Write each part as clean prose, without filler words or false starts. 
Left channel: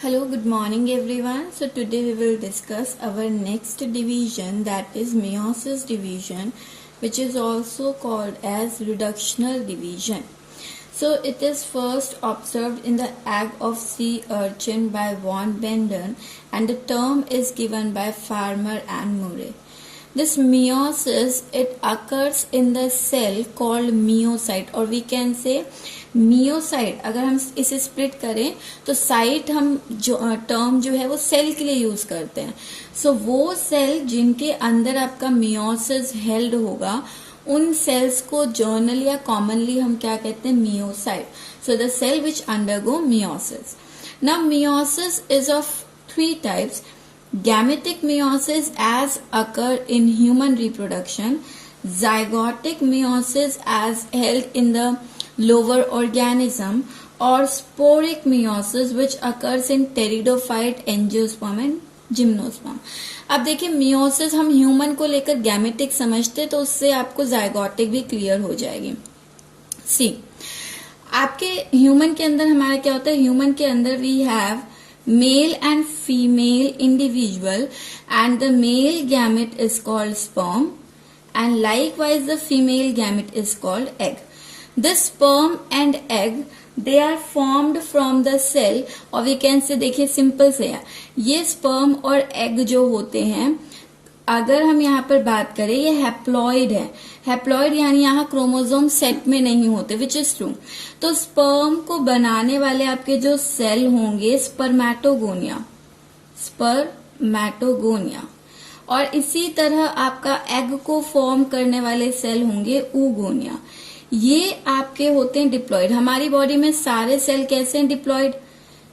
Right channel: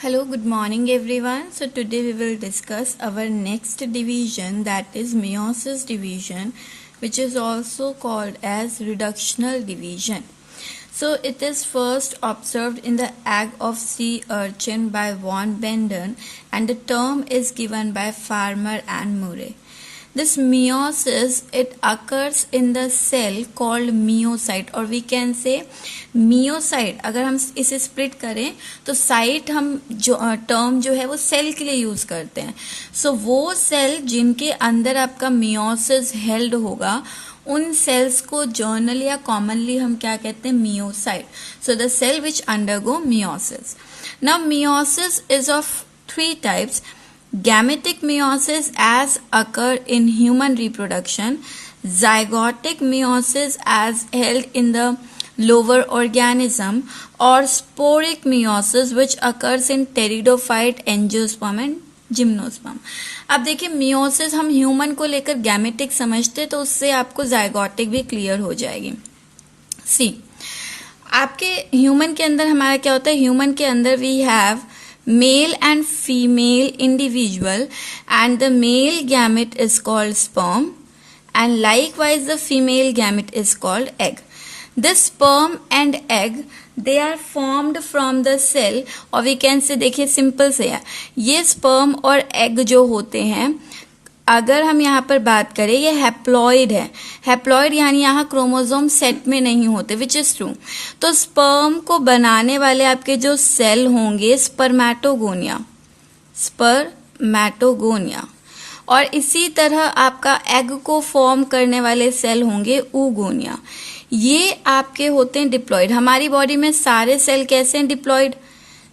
Hello, good morning everyone. So today we will discuss our next division, that is meiosis division, which is also called as reductional division. So it is first observed in the egg of sea urchin by von Benden, and the term is given by Farmer and Murray. This meiosis, it occurs in the cell called myocyte, or we can say meiocyte. अगर हम इसे split करें तो site हम जो term जो है वो सेल के लिए यूज करते हैं. सो वो सेल जिनके अंदर आपका मियोसिस हेल्ड होगा उन सेल्स को जर्नली या कॉमनली हम क्या कहते हैं, meiocyte. So the cell which undergo meiosis. Now meiosis is of 3 types. Gametic meiosis as occur in human reproduction, zygotic meiosis as held in the lower organism, or sporic meiosis which occurs in pteridophyte, angiosperm and gymnosperm. अब देखिए meiosis हम human को लेकर gametic समझते तो उससे आपको जायगोटिक भी क्लियर हो जाएगी. सी, आपके ह्यूमन के अंदर हमारा क्या होता है, ह्यूमन के अंदर we have male and female individual, and the male gamete is called sperm, and likewise the female gamete is called egg. This sperm and egg, they are formed from the cell, or we can say, देखिए simple से है, ये sperm और egg जो होते हैं, अगर हम यहाँ पर बात करें, ये हैप्लॉइड है. हैप्लॉइड यानी यहाँ क्रोमोसोम सेट में नहीं होते, विच इज ट्रू. तो स्पर्म को बनाने वाले आपके जो सेल होंगे स्पर्मेटोगोनिया, और इसी तरह आपका एग को फॉर्म करने वाले सेल होंगे oogonia. ये आपके होते हैं डिप्लॉइड. हमारी बॉडी में सारे सेल कैसे हैं,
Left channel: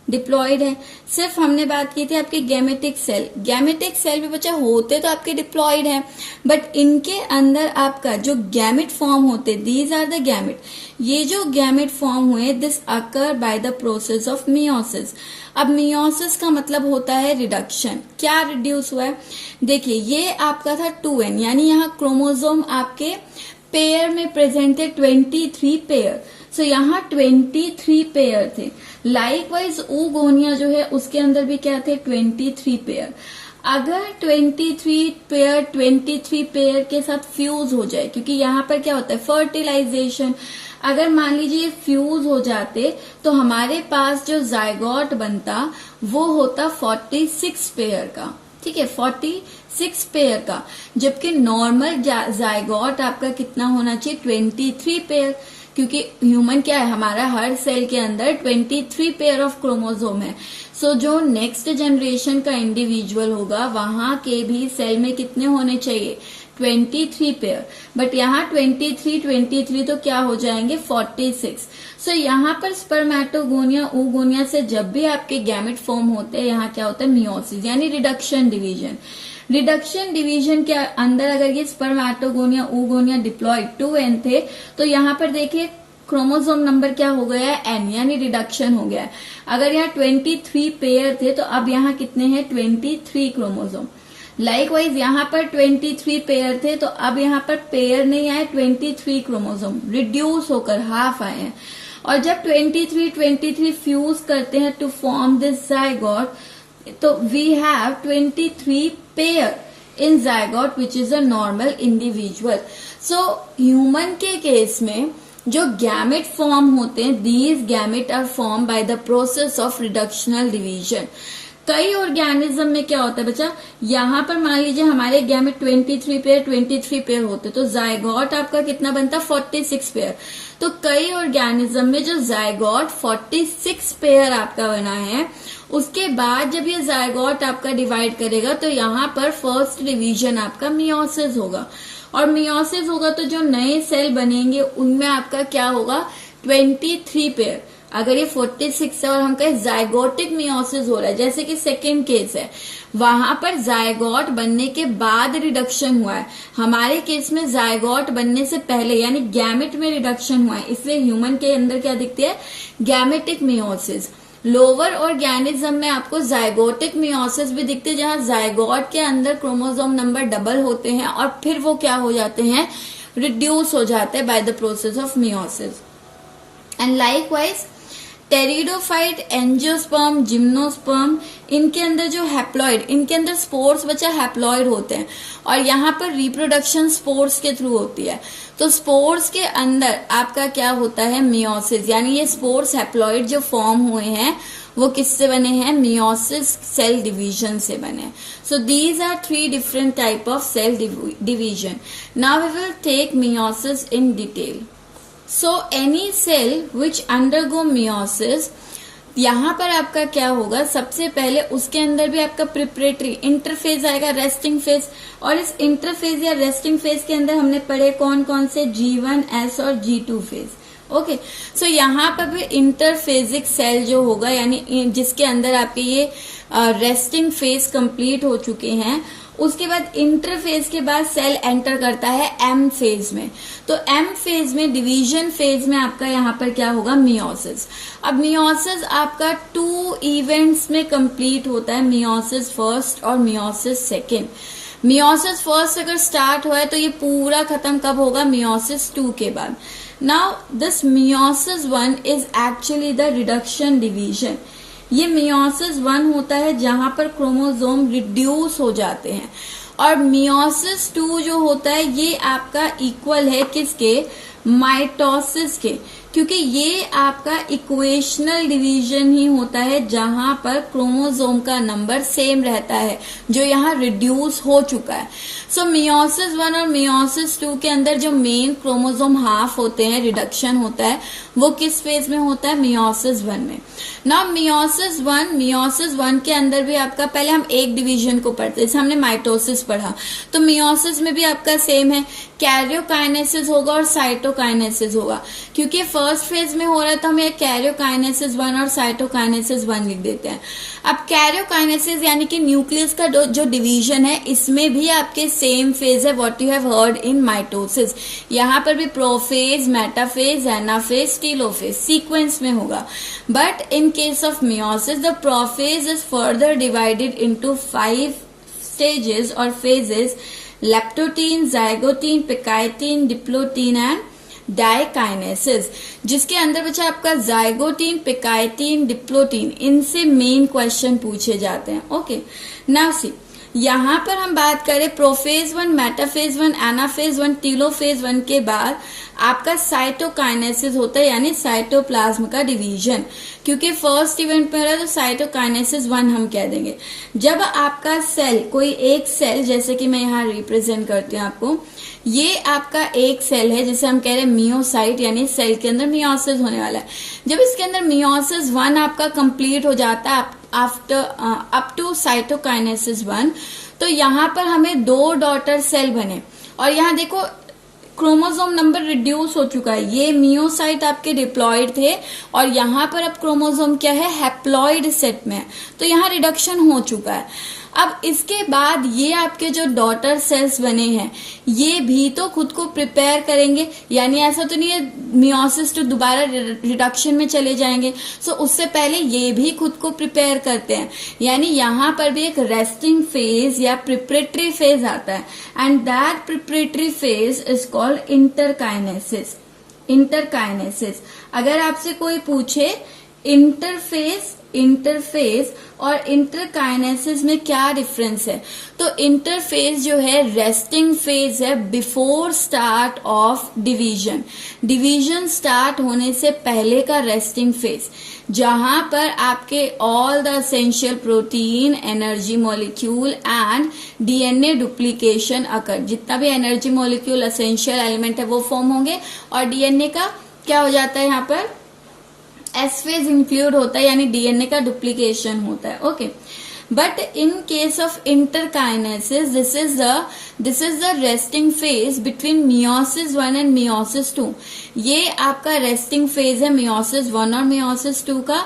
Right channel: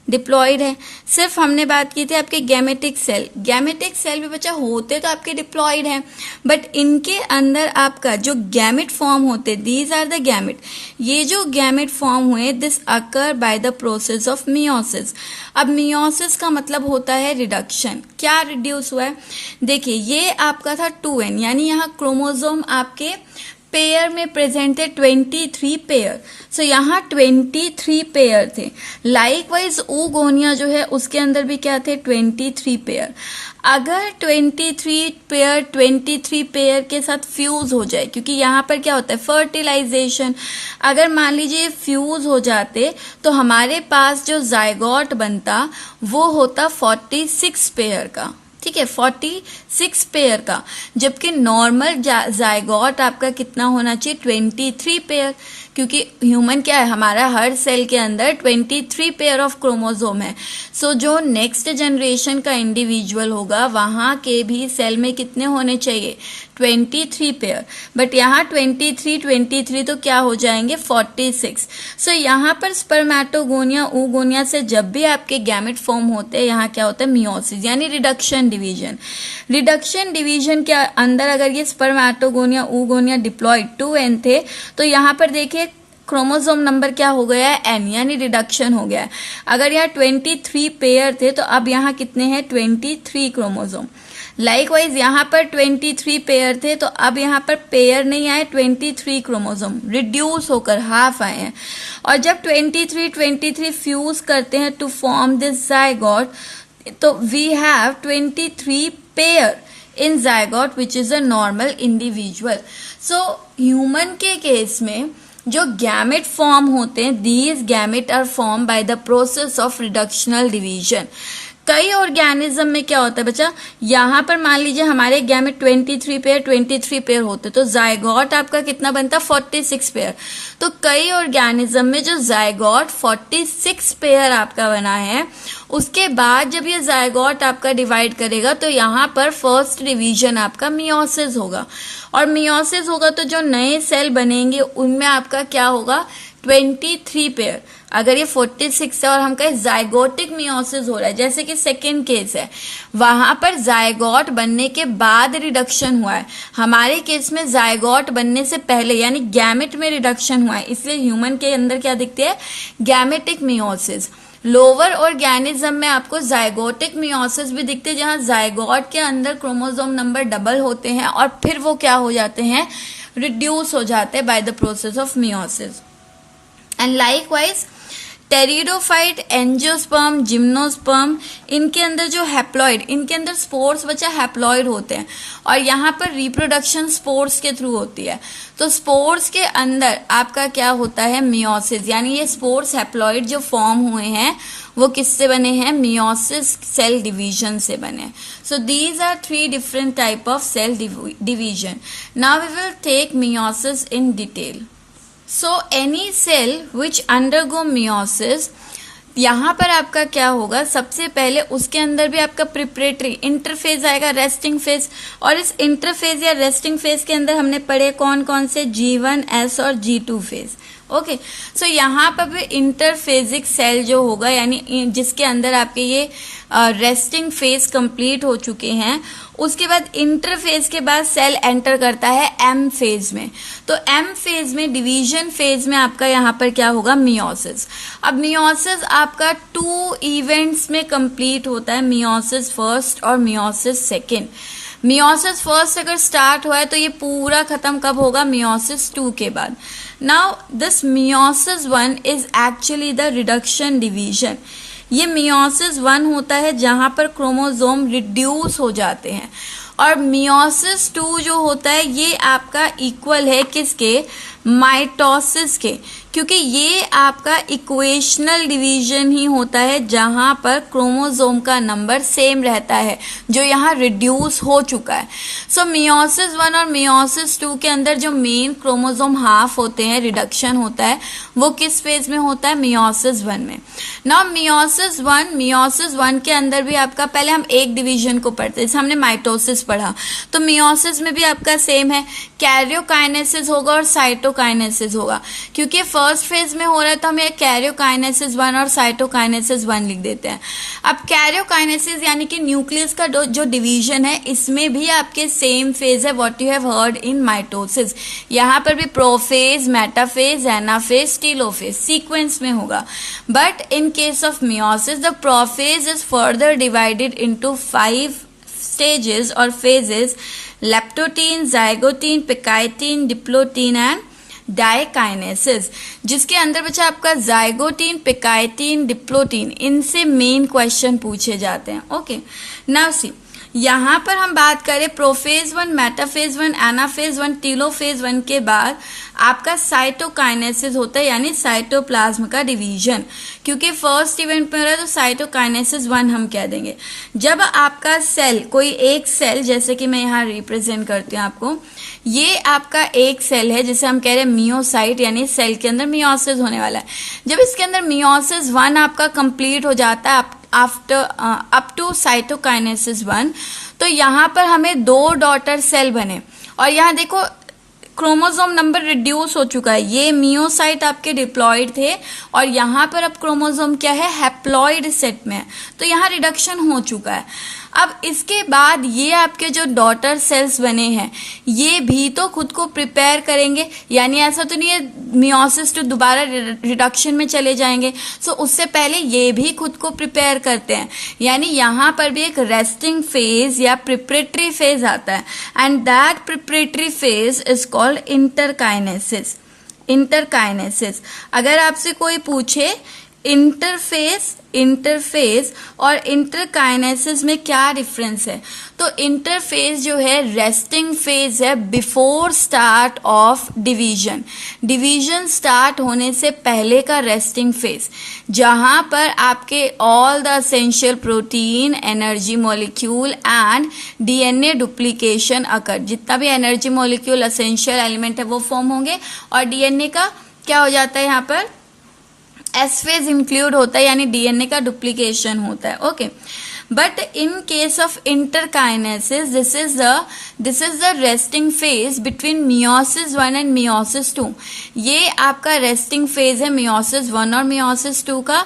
डिप्लॉइड है. सिर्फ हमने बात की थी आपके गैमेटिक सेल भी बच्चा होते तो आपके डिप्लॉइड है, बट इनके अंदर आपका जो गैमेट फॉर्म होते, दीज आर द गैमेट. ये जो गैमेट फॉर्म हुए, this occur by the process of meiosis. अब मियोसिस का मतलब होता है रिडक्शन. क्या रिड्यूस हुआ है, देखिए ये आपका था 2n, यानी यहाँ क्रोमोसोम आपके पेयर में प्रेजेंट थे 23 पेयर. सो यहाँ 23 पेयर थे. लाइकवाइज oogonia जो है उसके अंदर भी क्या थे, 23 पेयर. अगर 23 पेयर के साथ फ्यूज हो जाए, क्योंकि यहाँ पर क्या होता है फर्टिलाइजेशन, अगर मान लीजिए फ्यूज हो जाते तो हमारे पास जो जायगोट बनता वो होता 46 पेयर का. ठीक है, 46 पेयर का, जबकि नॉर्मल जायगोट आपका कितना होना चाहिए, 23 पेयर. क्योंकि ह्यूमन क्या है, हमारा हर सेल के अंदर 23 पेयर ऑफ क्रोमोसोम है. सो जो नेक्स्ट जनरेशन का इंडिविजुअल होगा वहां के भी सेल में कितने होने चाहिए, 23 पेयर. बट यहाँ 23 तो क्या हो जाएंगे, 46. सो यहाँ पर स्पर्मेटोगोनिया oogonia से जब भी आपके गैमेट फॉर्म होते हैं, यहाँ क्या होता है, मियोसिस यानी रिडक्शन डिवीजन. रिडक्शन डिवीजन के अंदर अगर ये स्पर्मेटोगोनिया oogonia डिप्लॉइड 2n थे, तो यहाँ पर देखिए क्रोमोसोम नंबर क्या हो गया है, n, यानी रिडक्शन हो गया है. अगर यहाँ 23 पेयर थे तो अब यहाँ कितने हैं, 23 क्रोमोसोम. लाइकवाइज यहाँ पर 23 पेयर थे तो अब यहाँ पर पेयर नहीं आए, 23 क्रोमोसोम रिड्यूस होकर हाफ आए हैं. और जब 23 फ्यूज करते हैं टू फॉर्म दिस जायगोट, तो we have 23 pair in zygote which is a normal individual. So human के केस में जो गैमेट फॉर्म होते हैं, these gamete are form by the process of reductional division. कई ऑर्गेनिज्म में क्या होता है बच्चा, यहाँ पर मान लीजिए हमारे गैमेट 23 पेयर होते तो जायगोट आपका कितना बनता, 46 पेयर. तो कई ऑर्गेनिज्म में जो जायगोट 46 पेयर आपका बना है, उसके बाद जब ये जायगोट आपका डिवाइड करेगा तो यहाँ पर फर्स्ट डिवीजन आपका मियोसिस होगा. और मियोसिस होगा तो जो नए सेल बनेंगे उनमें आपका क्या होगा, 23 पेयर. अगर ये 46 है और हम कहें जायगोटिक मियोसिस हो रहा है, जैसे कि सेकेंड केस है, वहां पर जायगोट बनने के बाद रिडक्शन हुआ है. हमारे केस में जायगोट बनने से पहले यानी गैमेट में रिडक्शन हुआ है, इसलिए ह्यूमन के अंदर क्या दिखते हैं, गैमेटिक मियोसिस. लोअर ऑर्गेनिज्म में आपको जायगोटिक मियोसिस भी दिखते हैं, जहां जायगोट के अंदर क्रोमोसोम नंबर डबल होते हैं और फिर वो क्या हो जाते हैं, रिड्यूस हो जाते हैं bye the process of meiosis. And likewise pteridophyte, angiosperm, gymnosperm, इनके अंदर जो हैप्लॉइड, इनके अंदर स्पोर्स बच्चा हैप्लॉइड होते हैं और यहाँ पर रिप्रोडक्शन स्पोर्स के थ्रू होती है। तो स्पोर्स के अंदर आपका क्या होता है, मियोसिस, यानी ये स्पोर्स हैप्लॉइड जो फॉर्म हुए हैं वो किससे बने हैं, मियोसिस सेल डिवीजन से बने। So these are 3 different type of cell division. Now we will take meiosis in detail. So any cell which undergo meiosis, यहाँ पर आपका क्या होगा, सबसे पहले उसके अंदर भी आपका प्रिपरेटरी इंटरफेज आएगा, रेस्टिंग फेज, और इस इंटरफेज या रेस्टिंग फेज के अंदर हमने पढ़े कौन कौन से, G1, S और G2 फेज। ओके, सो यहाँ पर भी इंटरफेजिक सेल जो होगा, यानी जिसके अंदर आपके ये रेस्टिंग फेज कंप्लीट हो चुके हैं, उसके बाद इंटरफेज के बाद सेल एंटर करता है एम फेज में। तो एम फेज में, डिवीजन फेज में आपका यहाँ पर क्या होगा, मियोसिस। अब मियोसिस आपका 2 इवेंट्स में कंप्लीट होता है, मियोसिस फर्स्ट और मियोसिस सेकेंड। मियोसिस फर्स्ट अगर स्टार्ट हुआ है तो ये पूरा खत्म कब होगा, मियोसिस 2 के बाद। Now this meiosis 1 is actually the reduction division. ये मियोसिस 1 होता है जहां पर क्रोमोसोम रिड्यूस हो जाते हैं, और मियोसिस 2 जो होता है ये आपका इक्वल है किसके, माइटोसिस के, क्योंकि ये आपका इक्वेशनल डिवीजन ही होता है जहां पर क्रोमोसोम का नंबर सेम रहता है जो यहाँ रिड्यूस हो चुका है। सो मियोसिस 1 और मियोसिस 2 के अंदर जो मेन क्रोमोसोम हाफ होते हैं, रिडक्शन होता है, वो किस फेज में होता है, मियोसिस 1 में। नाउ मियोसिस 1 के अंदर भी आपका, पहले हम एक डिवीजन को पढ़ते हैं, जैसे हमने माइटोसिस पढ़ा, तो मियोसिस में भी आपका सेम है, कैरियोकाइनेसिस होगा और साइटोकाइनेसिस होगा। क्योंकि फर्स्ट फेज में हो रहा है तो हम ये कैरियोकाइनेसिस 1 और साइटोकाइनेसिस 1 लिख देते हैं। अब कैरियोकाइनेसिस यानी कि न्यूक्लियस का जो डिवीजन है, इसमें भी आपके सेम फेज है, what you have heard in mitosis. यहाँ पर भी prophase, metaphase, anaphase, telophase sequence में होगा। But in case of meiosis the prophase is further divided into 5 stages or phases: leptotene, zygote, pectine, diplotin and diakinesis, जिसके अंदर बच्चा आपका zygotene, पिकाइटीन, diplotene, इनसे मेन क्वेश्चन पूछे जाते हैं। ओके, नाउ सी, यहाँ पर हम बात करें प्रोफेज 1, मेटाफेज 1, एनाफेज 1, टेलोफेज 1 के बाद आपका साइटोकाइनेसिस होता है, यानी साइटोप्लाज्म का डिवीजन। क्योंकि फर्स्ट इवेंट में हो रहा है तो साइटोकाइनेसिस 1 हम कह देंगे। जब आपका सेल, कोई एक सेल, जैसे कि मैं यहाँ रिप्रेजेंट करती हूँ आपको, ये आपका एक सेल है जिसे हम कह रहे हैं मियोसाइट, यानी सेल के अंदर मियोसिस होने वाला है। जब इसके अंदर मियोसिस 1 आपका कंप्लीट हो जाता है आफ्टर अप टू साइटोकाइनेसिस 1, तो यहाँ पर हमें 2 डॉटर सेल बने, और यहाँ देखो क्रोमोसोम नंबर रिड्यूस हो चुका है। ये मियोसाइट आपके डिप्लॉयड थे और यहाँ पर अब क्रोमोसोम क्या है, हैप्लॉयड सेट में है, तो यहाँ रिडक्शन हो चुका है। अब इसके बाद ये आपके जो डॉटर सेल्स बने हैं ये भी तो खुद को प्रिपेयर करेंगे, यानी ऐसा तो नहीं है मियोसिस तो दोबारा रिडक्शन में चले जाएंगे। सो उससे पहले ये भी खुद को प्रिपेयर करते हैं, यानी यहाँ पर भी एक रेस्टिंग फेज या प्रिपरेटरी फेज आता है, and that preparatory phase is called interkinesis. Interkinesis, अगर आपसे कोई पूछे इंटरफेज और इंटरकाइनेसिस में क्या डिफरेंस है, तो इंटरफेज जो है रेस्टिंग फेज है before start of division. Division start होने से पहले का रेस्टिंग फेज, जहां पर आपके all the essential protein, energy molecule and DNA duplication occur. जितना भी एनर्जी मॉलिक्यूल, एसेंशियल एलिमेंट है वो फॉर्म होंगे, और डीएनए का क्या हो जाता है, यहाँ पर एस फेज इंक्लूड होता है, यानी डीएनए का डुप्लीकेशन होता है। Okay, but in case of interkinesis this is the resting phase between meiosis 1 and meiosis 2। ये आपका रेस्टिंग फेज है मियोसिस 1 और मियोसिस 2 का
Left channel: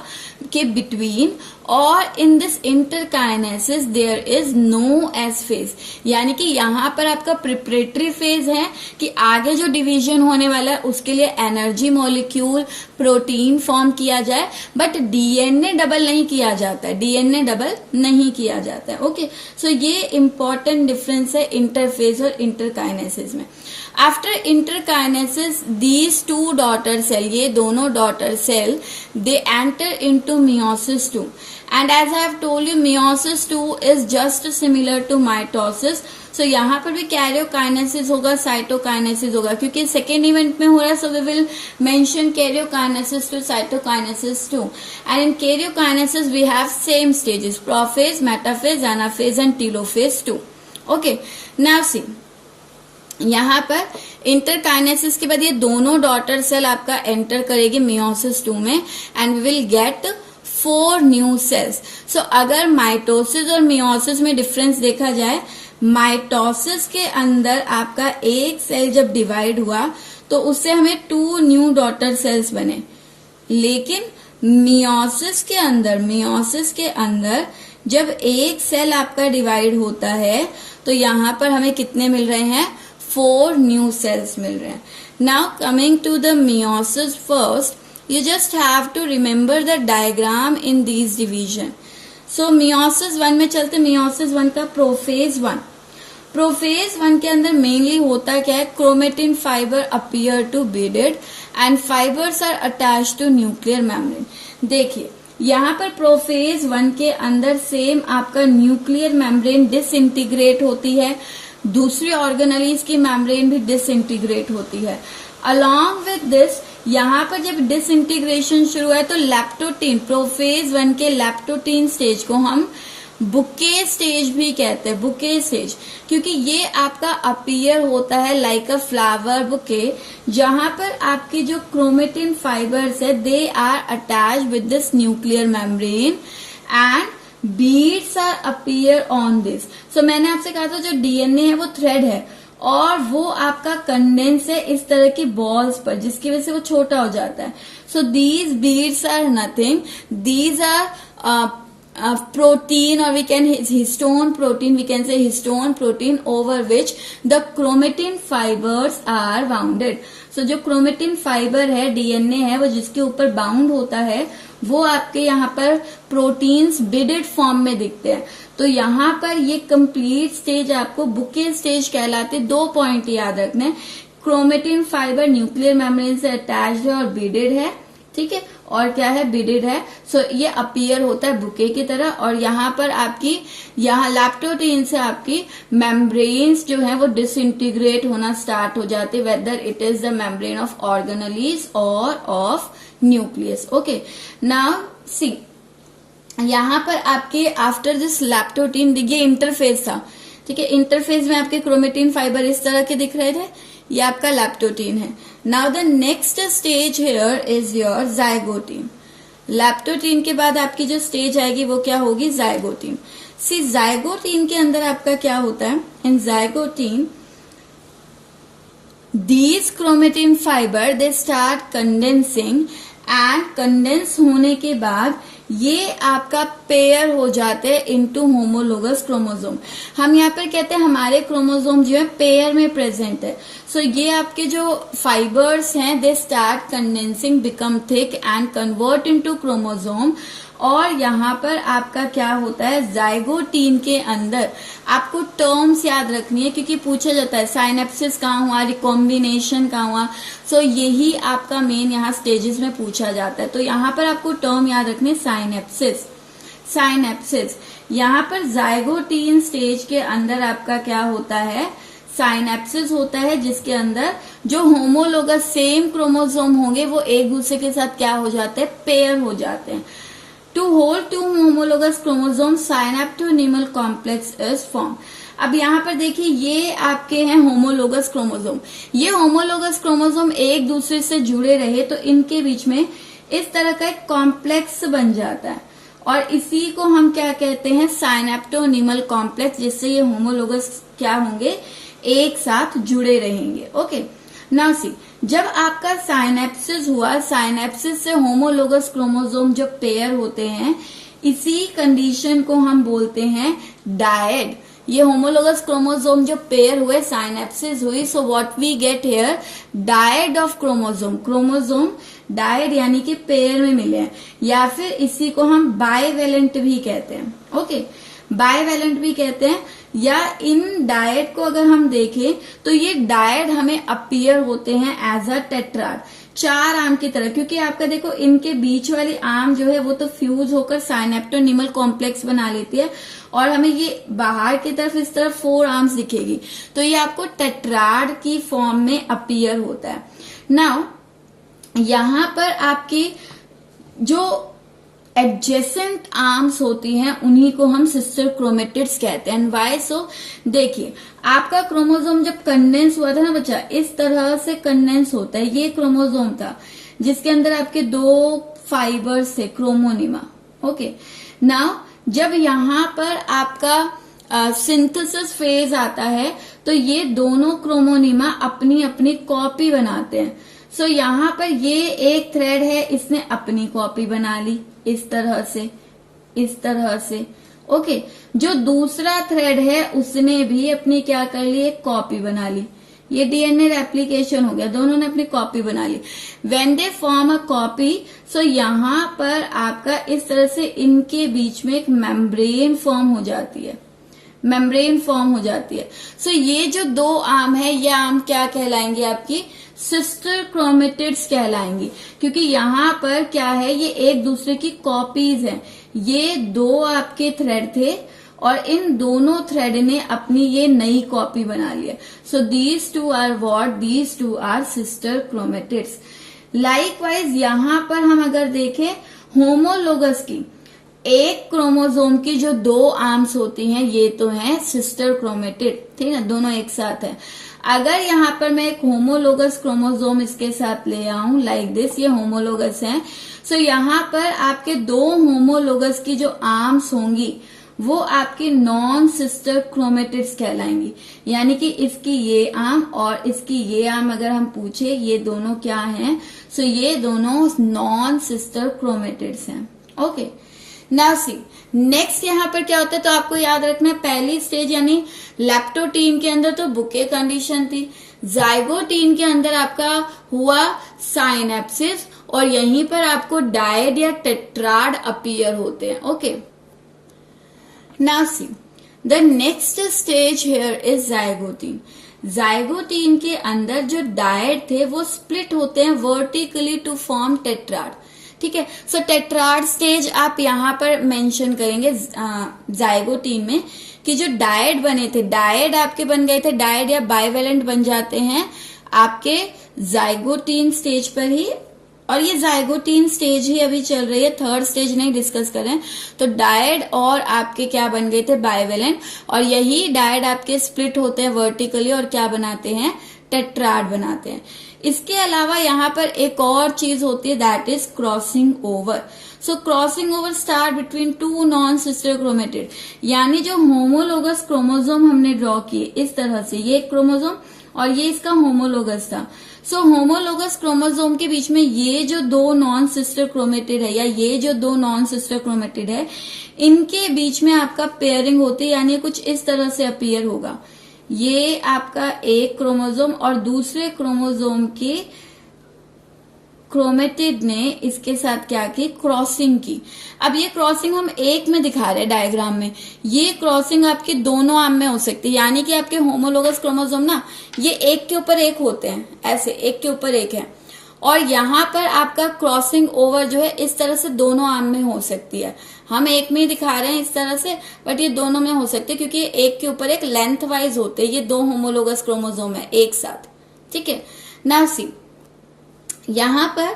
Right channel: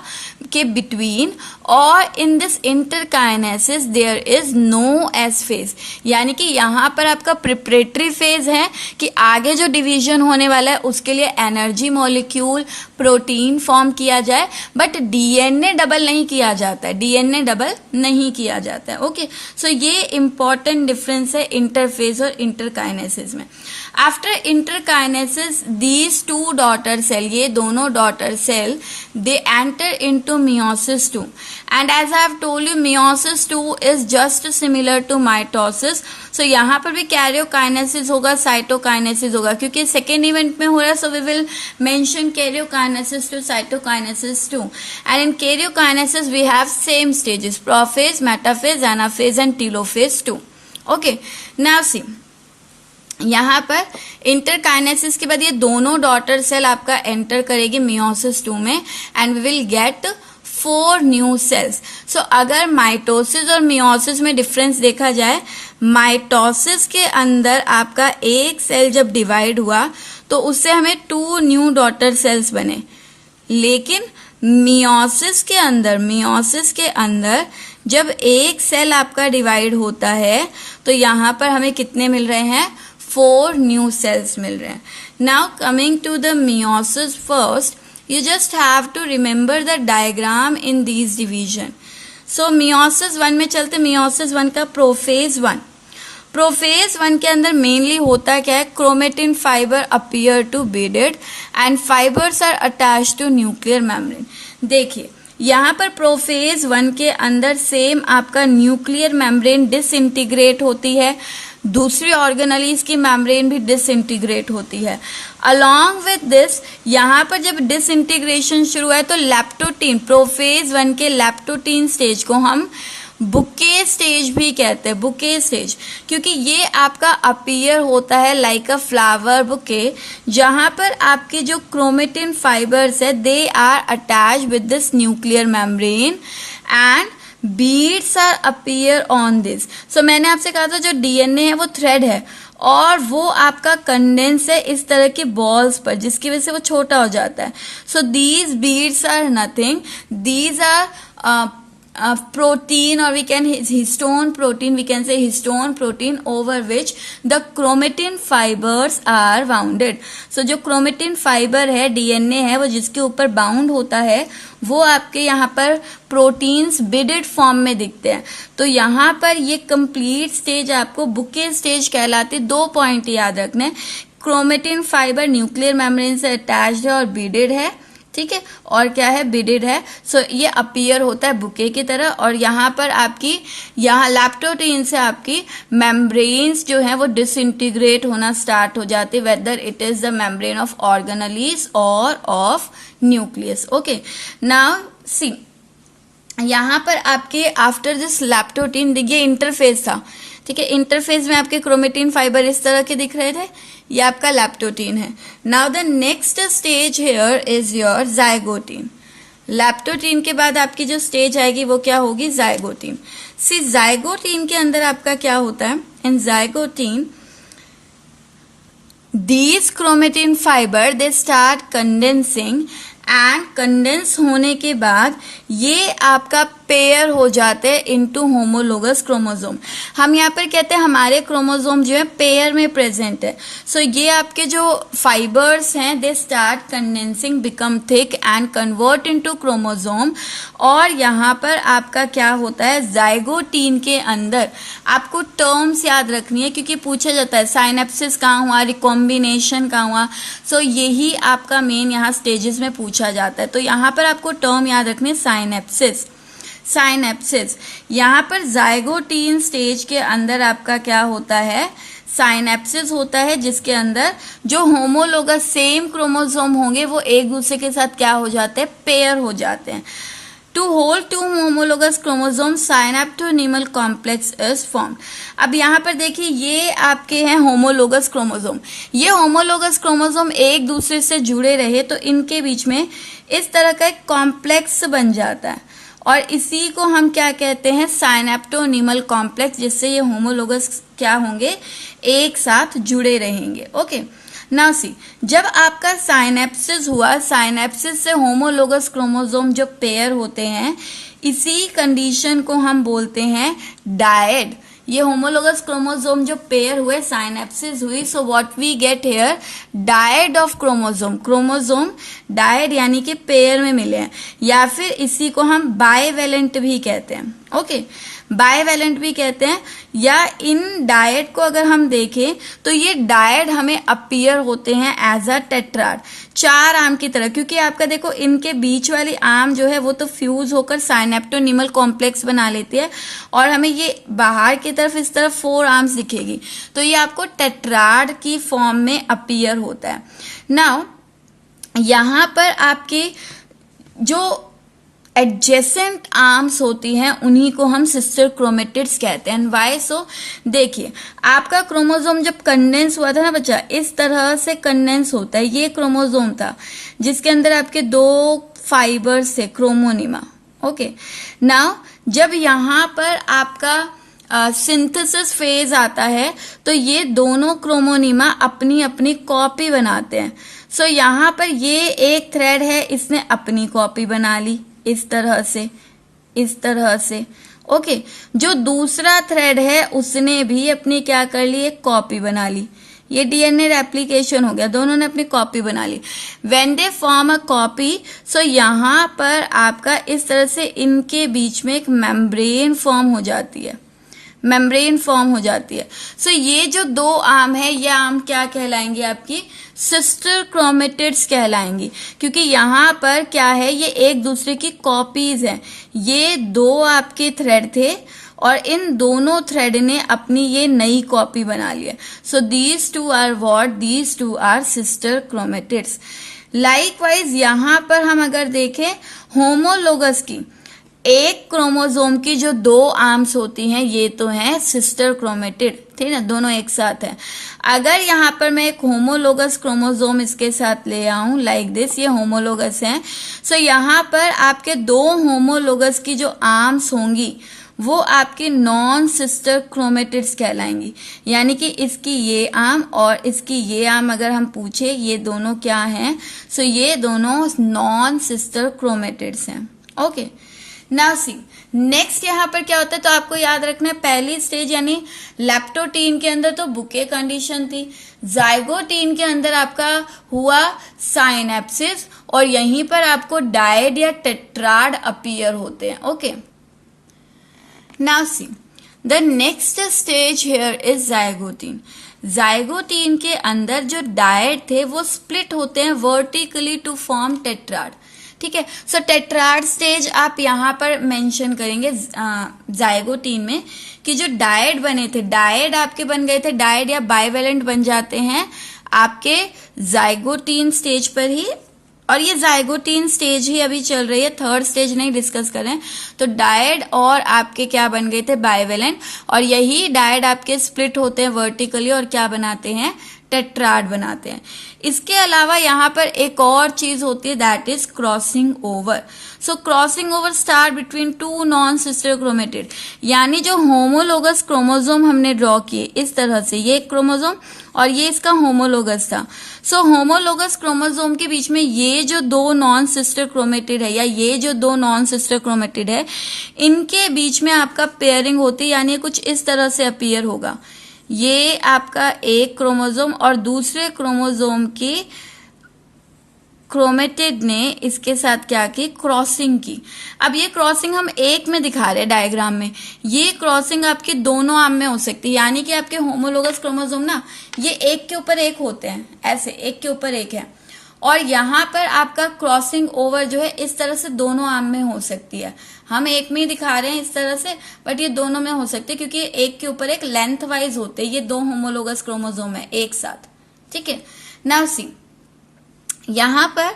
के बिटवीन, और in this interkinesis there is no S phase, यानी कि यहाँ पर आपका प्रिपरेटरी फेज है कि आगे जो डिवीजन होने वाला है उसके लिए एनर्जी मॉलिक्यूल, प्रोटीन फॉर्म किया जाए, बट डीएनए डबल नहीं किया जाता है, डीएनए डबल नहीं किया जाता है। ओके, सो ये इंपॉर्टेंट डिफरेंस है इंटरफेज और इंटरकाइनेसिस में। After interkinesis these two daughter cell, ये दोनों daughter cell, they enter into meiosis 2 and as I have told you meiosis 2 is just similar to mitosis. So यहाँ पर भी karyokinesis होगा, साइटोकाइनेसिस होगा, क्योंकि सेकेंड इवेंट में हो रहा है. So we will mention karyokinesis two cytokinesis two. And in karyokinesis we have same stages, prophase, metaphase, anaphase and telophase 2. Okay, now see यहाँ पर इंटरकाइनेसिस के बाद ये दोनों डॉटर सेल आपका एंटर करेगी मियोसिस 2 में and we will get 4 new cells. So अगर माइटोसिस और मियोसिस में डिफरेंस देखा जाए, माइटोसिस के अंदर आपका एक सेल जब डिवाइड हुआ तो उससे हमें 2 न्यू डॉटर सेल्स बने, लेकिन मियोसिस के अंदर जब एक सेल आपका डिवाइड होता है तो यहाँ पर हमें कितने मिल रहे हैं, 4 न्यू सेल्स मिल रहे हैं. Now coming to the meiosis first, you just have to remember the diagram in these division. So meiosis 1 में चलते, meiosis 1 का प्रोफेज 1. प्रोफेज 1 के अंदर मेनली होता क्या है, chromatin fibre appear to beaded and fibres are attach to nuclear membrane. देखिए यहाँ पर प्रोफेज 1 के अंदर सेम आपका न्यूक्लियर मेम्ब्रेन डिसइंटीग्रेट होती है, दूसरी ऑर्गेनेलीज की मेम्ब्रेन भी डिसइंटीग्रेट होती है. अलॉन्ग विथ दिस यहाँ पर जब डिसइंटीग्रेशन शुरू हुआ है तो लैप्टोटीन, प्रोफेज 1 के लैप्टोटीन स्टेज को हम बुके स्टेज भी कहते हैं, बुके स्टेज, क्योंकि ये आपका अपीयर होता है लाइक अ फ्लावर बुके, जहां पर आपके जो क्रोमेटिन फाइबर्स है they are attach with this nuclear membrane and beads are appear on this. So मैंने आपसे कहा था जो डीएनए है वो थ्रेड है और वो आपका कंडेंस है इस तरह के बॉल्स पर, जिसकी वजह से वो छोटा हो जाता है. So these beads are nothing, these are protein, or we can histone protein, we can say histone protein over which the chromatin fibers are bounded. So जो chromatin fiber है, DNA है, वो जिसके ऊपर बाउंड होता है वो आपके यहाँ पर प्रोटीन्स बिडेड फॉर्म में दिखते हैं. तो यहाँ पर ये कंप्लीट स्टेज आपको बुके स्टेज कहलाते. 2 पॉइंट याद रखने, क्रोमेटिन फाइबर न्यूक्लियर मेम्ब्रेन से अटैच्ड है और बिडेड है, ठीक है, और क्या है, बिडेड है. सो ये अपीयर होता है बुके की तरह. और यहाँ पर आपकी यहाँ लैप्टोटीन से आपकी मेम्ब्रेन्स जो है वो डिसइंटीग्रेट होना स्टार्ट हो जाती है, whether it is the membrane of organelles और of nucleus. Okay, now see यहाँ पर आपके आफ्टर दिस लैप्टोटीन, देखिए इंटरफेज था, ठीक है, इंटरफेज में आपके क्रोमेटिन फाइबर इस तरह के दिख रहे थे, ये आपका लैप्टोटीन है. Now the next stage here is your zygotene. Leptotene के बाद आपकी जो स्टेज आएगी वो क्या होगी, जाइगोटीन. सी जाइगोटीन के अंदर आपका क्या होता है, in zygotene these chromatin fiber they start condensing and condense होने के बाद ये आपका पेयर हो जाते हैं इनटू होमोलोगस क्रोमोसोम. हम यहाँ पर कहते हैं हमारे क्रोमोसोम जो है पेयर में प्रेजेंट है. सो ये आपके जो फाइबर्स हैं they start condensing, become thick and convert into chromosome. और यहाँ पर आपका क्या होता है, जाइगोटीन के अंदर आपको टर्म्स याद रखनी है क्योंकि पूछा जाता है साइनेप्सिस कहाँ हुआ, रिकॉम्बिनेशन कहाँ हुआ. सो यही आपका मेन यहाँ स्टेजेस में पूछा जाता है. तो यहाँ पर आपको टर्म याद रखनी है साइनेप्सिस. साइनेप्सिस यहाँ पर जाइगोटीन स्टेज के अंदर आपका क्या होता है, साइनेप्सिस होता है, जिसके अंदर जो होमोलोगस सेम क्रोमोसोम होंगे वो एक दूसरे के साथ क्या हो जाते हैं, पेयर हो जाते हैं. To hold two homologous chromosomes, synaptonemal complex is formed. अब यहाँ पर देखिए ये आपके हैं होमोलोगस क्रोमोसोम. ये होमोलोगस क्रोमोसोम एक दूसरे से जुड़े रहे तो इनके बीच में इस तरह का एक कॉम्प्लेक्स बन जाता है और इसी को हम क्या कहते हैं, साइनेप्टोनिमल कॉम्प्लेक्स, जिससे ये होमोलोगस क्या होंगे, एक साथ जुड़े रहेंगे. ओके, नाउ सी, जब आपका साइनेप्सिस हुआ, साइनेप्सिस से होमोलोगस क्रोमोसोम जो पेयर होते हैं, इसी कंडीशन को हम बोलते हैं डायड. ये होमोलोगस क्रोमोसोम जो पेयर हुए, साइनेप्सिस हुई, so what we get here, dyad of chromosome. Chromosome dyad यानी कि पेयर में मिले हैं, या फिर इसी को हम बाइवेलेंट भी कहते हैं. ओके, बाइवेलेंट भी कहते हैं, या इन डायड को अगर हम देखें तो ये डायड हमें अपीयर होते हैं एज अ टेट्राड, 4 आर्म की तरह, क्योंकि आपका देखो इनके बीच वाली आर्म जो है वो तो फ्यूज होकर साइनेप्टोनिमल कॉम्प्लेक्स बना लेती है और हमें ये बाहर की तरफ इस तरफ 4 आर्म्स दिखेगी, तो ये आपको टेट्राड की फॉर्म में अपीयर होता है। नाउ यहां पर आपकी जो एडजेसेंट आर्म्स होती हैं उन्हीं को हम सिस्टर क्रोमेटिड्स कहते हैं। वाई सो, देखिए आपका क्रोमोसोम जब कंडेंस हुआ था ना बच्चा, इस तरह से कंडेंस होता है, ये क्रोमोसोम था जिसके अंदर आपके 2 फाइबर्स थे, क्रोमोनिमा। ओके, नाउ जब यहां पर आपका सिंथेसिस फेज आता है तो ये दोनों क्रोमोनिमा अपनी अपनी कॉपी बनाते हैं। सो यहां पर ये एक थ्रेड है, इसने अपनी कॉपी बना ली इस तरह से, इस तरह से। ओके, जो दूसरा थ्रेड है उसने भी अपनी क्या कर ली, एक कॉपी बना ली। ये डीएनए रेप्लिकेशन हो गया, दोनों ने अपनी कॉपी बना ली। When they form a copy, so यहां पर आपका इस तरह से इनके बीच में एक मेम्ब्रेन फॉर्म हो जाती है, मेम्ब्रेन फॉर्म हो जाती है। सो ये जो 2 आर्म है, ये आर्म क्या कहलाएंगी, आपकी सिस्टर क्रोमेटिड्स कहलाएंगी, क्योंकि यहाँ पर क्या है, ये एक दूसरे की कॉपीज हैं। ये 2 आपके थ्रेड थे और इन दोनों थ्रेड ने अपनी ये नई कॉपी बना ली है। So these 2 are what, these 2 are sister chromatids. Likewise यहाँ पर हम अगर देखें होमोलोगस की, एक क्रोमोसोम की जो 2 आर्म्स होती हैं ये तो हैं सिस्टर क्रोमेटिड, ठीक है ना, दोनों एक साथ है। अगर यहाँ पर मैं एक होमोलोगस क्रोमोसोम इसके साथ ले आऊं लाइक दिस, ये होमोलोगस है, सो यहाँ पर आपके 2 होमोलोगस की जो आर्म्स होंगी वो आपकी नॉन सिस्टर क्रोमेटिड्स कहलाएंगी। यानी कि इसकी ये आर्म और इसकी ये आर्म अगर हम पूछे ये दोनों क्या हैं, सो ये दोनों नॉन सिस्टर क्रोमेटिड्स हैं। ओके, नाउ सी नेक्स्ट यहाँ पर क्या होता है, तो आपको याद रखना है पहली स्टेज यानी लेप्टोटीन के अंदर तो बुके कंडीशन थी, जाइगोटीन के अंदर आपका हुआ साइनेप्सिस और यहीं पर आपको डायड या टेट्राड अपीयर होते हैं। Okay, now see the next stage here is zygotene. Zygotene के अंदर जो डायड थे वो स्प्लिट होते हैं वर्टिकली टू फॉर्म टेट्राड, ठीक है। सो टेट्राड स्टेज आप यहाँ पर मेंशन करेंगे जाइगोटीन में कि जो डायड बने थे, डायड आपके बन गए थे, डायड या बाइवेलेंट बन जाते हैं आपके जाइगोटीन स्टेज पर ही, और ये जाइगोटीन स्टेज ही अभी चल रही है, 3rd स्टेज नहीं डिस्कस करें। तो डायड और आपके क्या बन गए थे, बाइवेलेंट, और यही डायड आपके स्प्लिट होते हैं वर्टिकली और क्या बनाते हैं, टेट्राड बनाते हैं। इसके अलावा यहाँ पर एक और चीज होती है that is crossing over. So crossing over start between 2 non sister chromatid, यानी जो होमोलोगस क्रोमोसोम हमने ड्रॉ किए इस तरह से, ये एक क्रोमोसोम और ये इसका होमोलोगस था। सो होमोलोगस क्रोमोसोम के बीच में ये जो 2 नॉन सिस्टर क्रोमेटिड है या ये जो 2 नॉन सिस्टर क्रोमेटिड है, इनके बीच में आपका पेयरिंग होती है, यानी कुछ इस तरह से अपीयर होगा। ये आपका एक क्रोमोसोम और दूसरे क्रोमोसोम की क्रोमेटिड ने इसके साथ क्या की, क्रॉसिंग की। अब ये क्रॉसिंग हम एक में दिखा रहे हैं डायग्राम में, ये क्रॉसिंग आपके दोनों आर्म में हो सकती है, यानी कि आपके होमोलोगस क्रोमोसोम ना ये एक के ऊपर एक होते हैं, ऐसे एक के ऊपर एक है, और यहाँ पर आपका क्रॉसिंग ओवर जो है इस तरह से दोनों आर्म में हो सकती है। हम एक में ही दिखा रहे हैं इस तरह से, बट ये दोनों में हो सकते हैं क्योंकि एक के ऊपर एक लेंथ वाइज होते हैं, ये 2 होमोलोगस क्रोमोसोम है एक साथ, ठीक है। नाउ सी यहाँ पर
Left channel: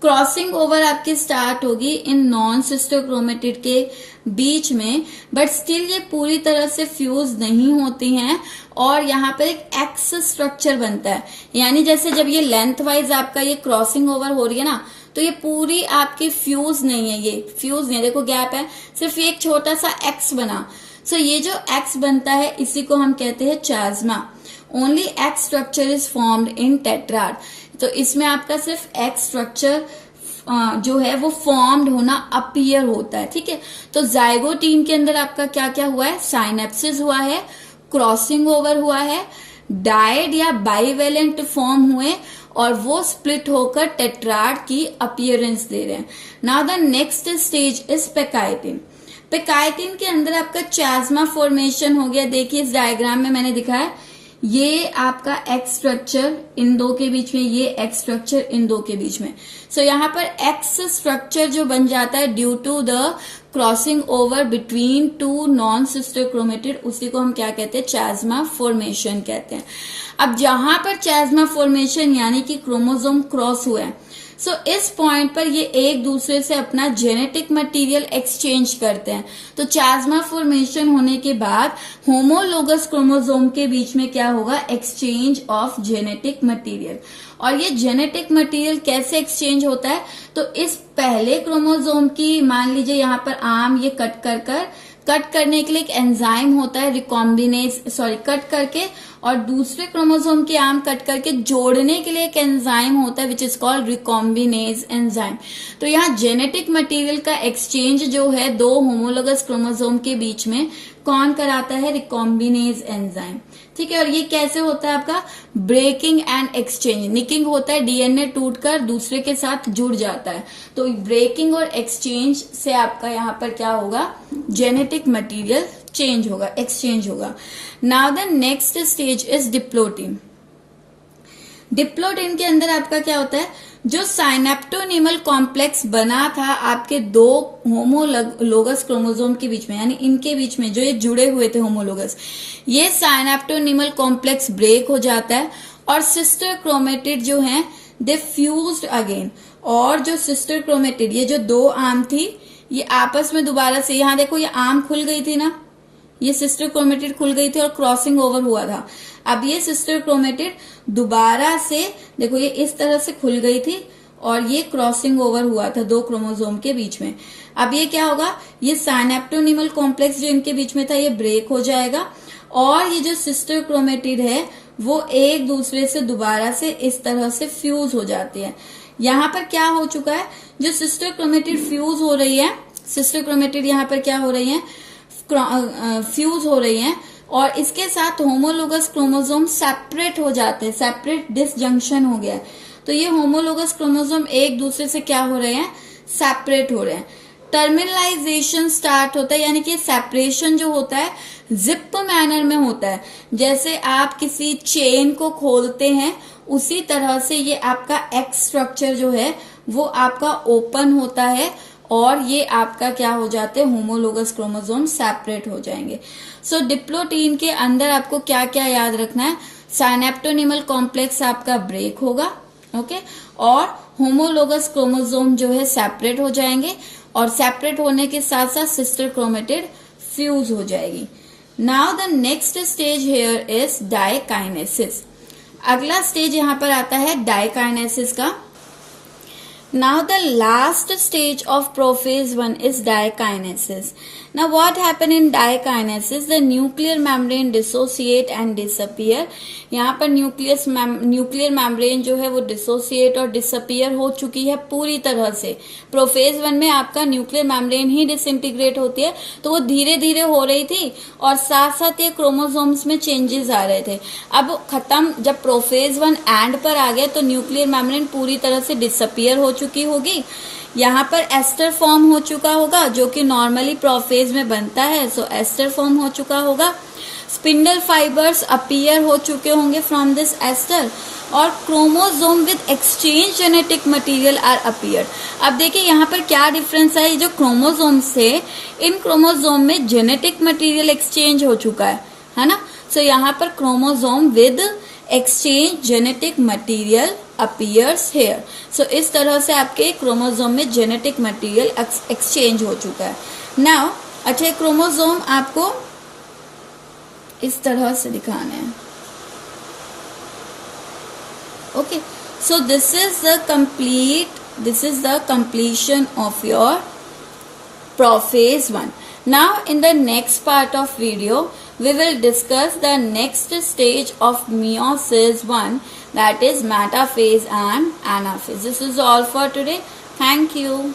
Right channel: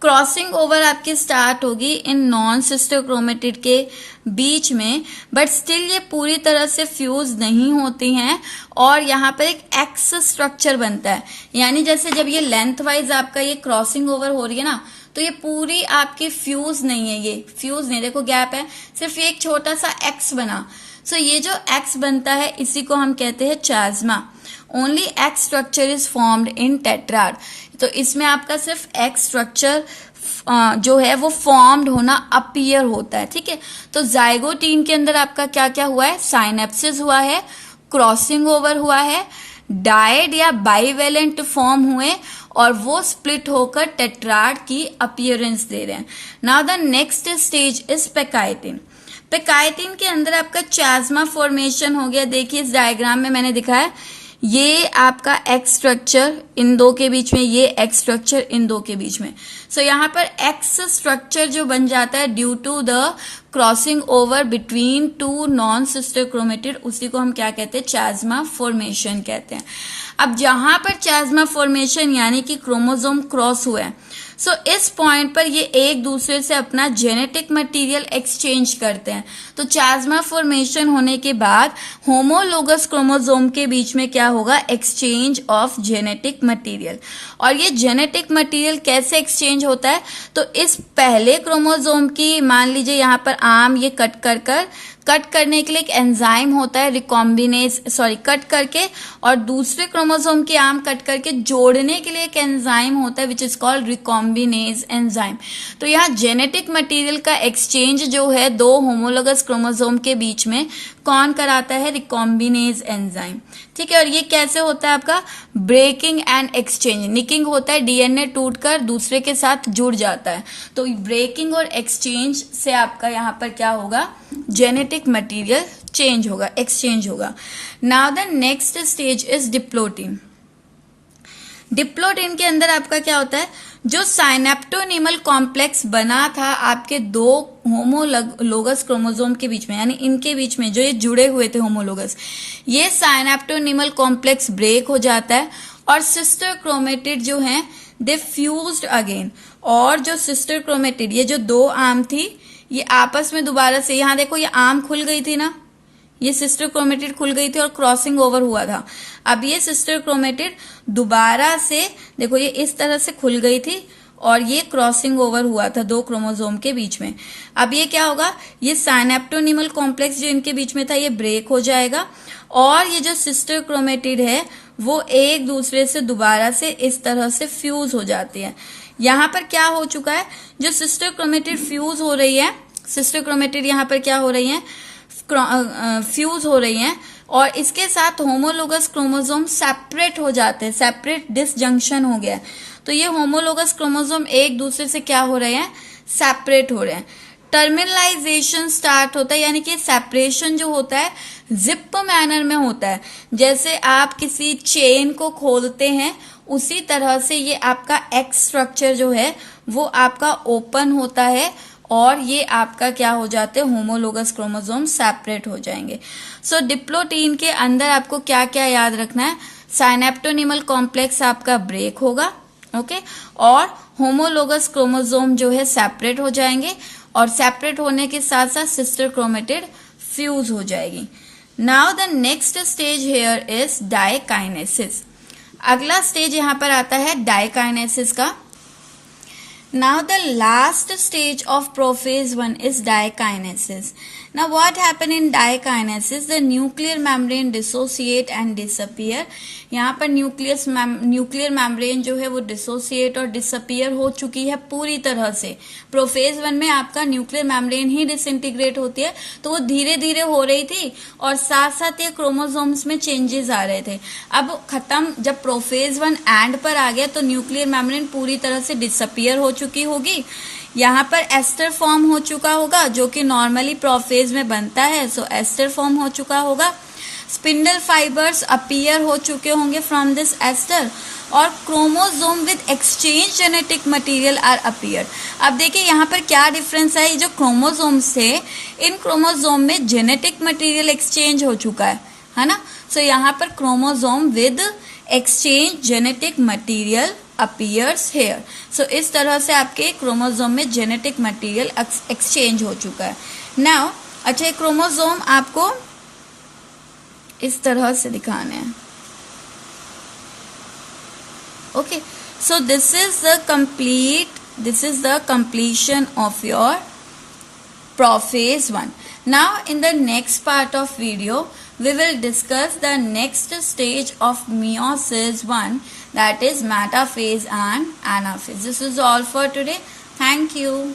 क्रॉसिंग ओवर आपकी स्टार्ट होगी इन नॉन सिस्टर क्रोमेटिड के बीच में, बट स्टिल ये पूरी तरह से फ्यूज नहीं होती हैं और यहाँ पर एक एक्स स्ट्रक्चर बनता है। यानी जैसे जब ये लेंथ वाइज आपका ये क्रॉसिंग ओवर हो रही है ना, तो ये पूरी आपकी फ्यूज नहीं है, ये फ्यूज नहीं, देखो गैप है, सिर्फ ये एक छोटा सा एक्स बना। सो ये जो एक्स बनता है इसी को हम कहते हैं chiasma. Only X structure is formed in tetrad. तो इसमें आपका सिर्फ एक्स स्ट्रक्चर जो है वो फॉर्म्ड होना अपीयर होता है, ठीक है। तो जाइगोटीन के अंदर आपका क्या क्या हुआ है, साइनेप्सिस हुआ है, क्रॉसिंग ओवर हुआ है, डायड या बाइवेलेंट फॉर्म हुए और वो स्प्लिट होकर टेट्राड की अपीयरेंस दे रहे हैं। Now the next stage is pachytene. Pachytene के अंदर आपका चास्मा फॉर्मेशन हो गया। देखिए इस डायग्राम में मैंने दिखाया, ये आपका एक्स स्ट्रक्चर इन दो के बीच में, ये एक्स स्ट्रक्चर इन दो के बीच में। सो यहाँ पर एक्स स्ट्रक्चर जो बन जाता है due to the crossing over between two non sister chromatid, उसी को हम क्या कहते हैं, चास्मा फॉर्मेशन कहते हैं। अब जहां पर चास्मा फॉर्मेशन यानी कि क्रोमोसोम क्रॉस हुए हैं, सो इस पॉइंट पर ये एक दूसरे से अपना जेनेटिक मटेरियल एक्सचेंज करते हैं। तो चास्मा फॉर्मेशन होने के बाद होमोलोगस क्रोमोसोम के बीच में क्या होगा, एक्सचेंज ऑफ जेनेटिक मटेरियल। और ये जेनेटिक मटेरियल कैसे एक्सचेंज होता है, तो इस पहले क्रोमोसोम की मान लीजिए यहाँ पर आर्म ये कट करने के लिए एक एंजाइम होता है कट करके, और दूसरे क्रोमोसोम की आर्म कट करके जोड़ने के लिए एक एंजाइम होता है which is called recombinase enzyme. तो यहाँ जेनेटिक मटेरियल का एक्सचेंज जो है दो होमोलोगस क्रोमोसोम के बीच में कौन कराता है, रिकॉम्बिनेज एंजाइम। ठीक है, और ये कैसे होता है आपका, ब्रेकिंग एंड एक्सचेंज, निकिंग होता है, डीएनए टूटकर दूसरे के साथ जुड़ जाता है। तो ब्रेकिंग और एक्सचेंज से आपका यहाँ पर क्या होगा, जेनेटिक मटेरियल चेंज होगा, एक्सचेंज होगा। Now the next stage is diplotene. Diplotene के अंदर आपका क्या होता है, जो साइनेप्टोनिमल कॉम्प्लेक्स बना था आपके दो होमोलोगस क्रोमोसोम के बीच में, यानी इनके बीच में जो ये जुड़े हुए थे होमोलोगस, ये साइनेप्टोनिमल कॉम्प्लेक्स ब्रेक हो जाता है और सिस्टर क्रोमेटिड जो हैं दे फ्यूज्ड अगेन। और जो सिस्टर क्रोमेटिड, ये जो दो आर्म थी, ये आपस में दोबारा से, यहां देखो ये आर्म खुल गई थी ना, ये सिस्टर क्रोमेटिड खुल गई थी और क्रॉसिंग ओवर हुआ था। अब ये सिस्टर क्रोमेटिड दोबारा से देखो ये इस तरह से खुल गई थी और ये क्रॉसिंग ओवर हुआ था दो क्रोमोसोम के बीच में। अब ये क्या होगा, ये साइनेप्टोनिमल कॉम्प्लेक्स जो इनके बीच में था ये ब्रेक हो जाएगा और ये जो सिस्टर क्रोमेटिड है वो एक दूसरे से दोबारा से इस तरह से फ्यूज हो जाती है। यहाँ पर क्या हो चुका है, जो सिस्टर क्रोमेटिड फ्यूज हो रही है, सिस्टर क्रोमेटिड यहाँ पर क्या हो रही है, फ्यूज हो रही हैं और इसके साथ होमोलोगस क्रोमोसोम सेपरेट हो जाते हैं, सेपरेट डिसजंक्शन हो गया है। तो ये होमोलोगस क्रोमोसोम एक दूसरे से क्या हो रहे हैं, सेपरेट हो रहे हैं। टर्मिनलाइजेशन स्टार्ट होता है, यानी कि सेपरेशन जो होता है जिप मैनर में होता है, जैसे आप किसी चेन को खोलते हैं उसी तरह से ये आपका एक्स स्ट्रक्चर जो है वो आपका ओपन होता है और ये आपका क्या हो जाते हैं, होमोलोगस क्रोमोसोम सेपरेट हो जाएंगे। सो डिप्लोटीन के अंदर आपको क्या क्या याद रखना है, साइनेप्टोनिमल कॉम्प्लेक्स आपका ब्रेक होगा, ओके, और होमोलोगस क्रोमोसोम जो है सेपरेट हो जाएंगे और सेपरेट होने के साथ साथ सिस्टर क्रोमेटिड फ्यूज हो जाएगी। Now the next stage here is diakinesis. अगला स्टेज यहाँ पर आता है डायकाइनेसिस का। Now the last stage of prophase 1 is dikinesis. Now what happen in dikinesis? The nuclear membrane dissociate and disappear. यहाँ पर न्यूक्लियर मेम्ब्रेन जो है वो डिसोसिएट और डिसअपियर हो चुकी है पूरी तरह से। प्रोफेज 1 में आपका न्यूक्लियर मेम्ब्रेन ही डिसइंटीग्रेट होती है, तो वो धीरे धीरे हो रही थी और साथ साथ ये क्रोमोसोम्स में चेंजेस आ रहे थे। अब खत्म, जब प्रोफेज 1 एंड पर आ गया तो न्यूक्लियर मेम्ब्रेन पूरी तरह से डिसअपियर हो चुकी होगी। यहाँ पर एस्टर फॉर्म हो चुका होगा जो कि नॉर्मली प्रोफेज में बनता है, सो एस्टर फॉर्म हो चुका होगा। स्पिंडल फाइबर्स अपीयर हो चुके होंगे फ्रॉम दिस एस्टर और chromosome with exchange genetic material are appear. अब देखिए यहाँ पर क्या डिफरेंस है, जो क्रोमोसोम्स थे इन क्रोमोसोम में जेनेटिक मटेरियल एक्सचेंज हो चुका है ना। सो यहाँ पर chromosome with exchange genetic material appears here. So इस तरह से आपके क्रोमोसोम में जेनेटिक मटेरियल एक्सचेंज हो चुका है। नाउ अच्छा, क्रोमोसोम आपको इस तरह से दिखाने हैं, okay. So this is the completion of your prophase 1. Now in the next part of video we will discuss the next stage of meiosis 1, that is metaphase and anaphase. This is all for today. Thank you.